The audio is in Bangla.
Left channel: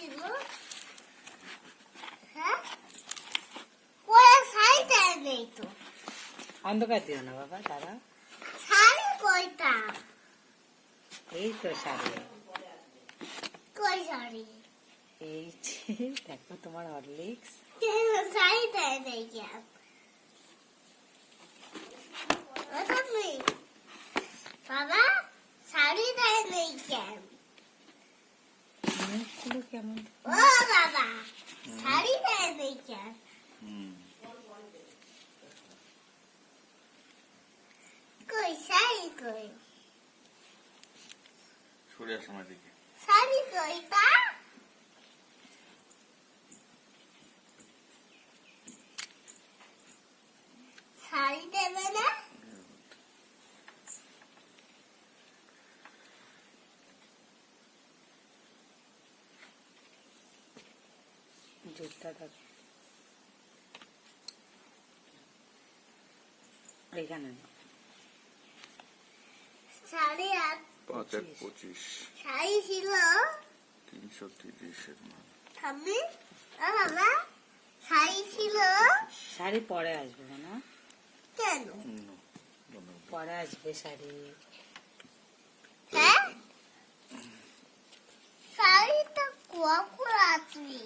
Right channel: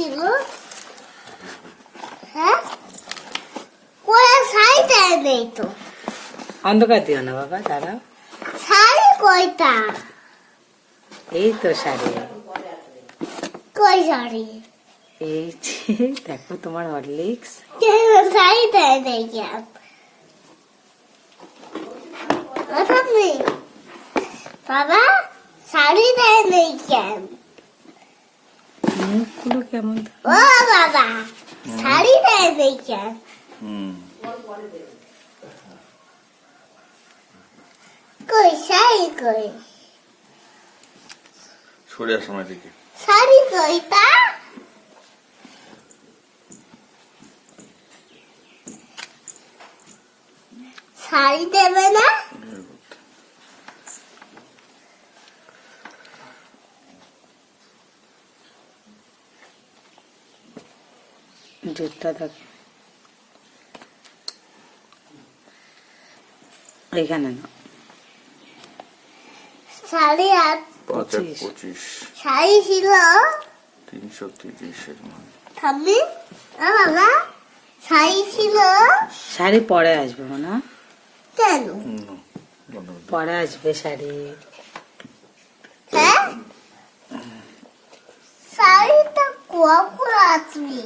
ছিল? হ্যাঁ, কোয়া শাড়িটা নেই তো। অন্ধকার দিও না বাবা, দাঁড়াও। শাড়ি কয়টা? এই তো শাড়ি, কই শাড়ি? এই যে দেখো তোমার হরলিক্স। শাড়িটা নেই কেন? অর্থাৎ নেই বাবা, শাড়িটা নেই কেন? মুখগুলো কেমন? ও বাবা, শাড়িটা নেই কেন? কই শাড়ি কই? সরে আসো আমার দিকে। শাড়ি কইটা? শাড়ি দেবে না? জুতটা দেখ এখানে না। শাড়ি আর 25 শাড়ি ছিল 330 থামি। বাবা, শাড়ি ছিল শাড়ি পরে আসবে না, কেন? পরে আসবে শাড়ি। হ্যাঁ, শাড়িটা কখন আসবে?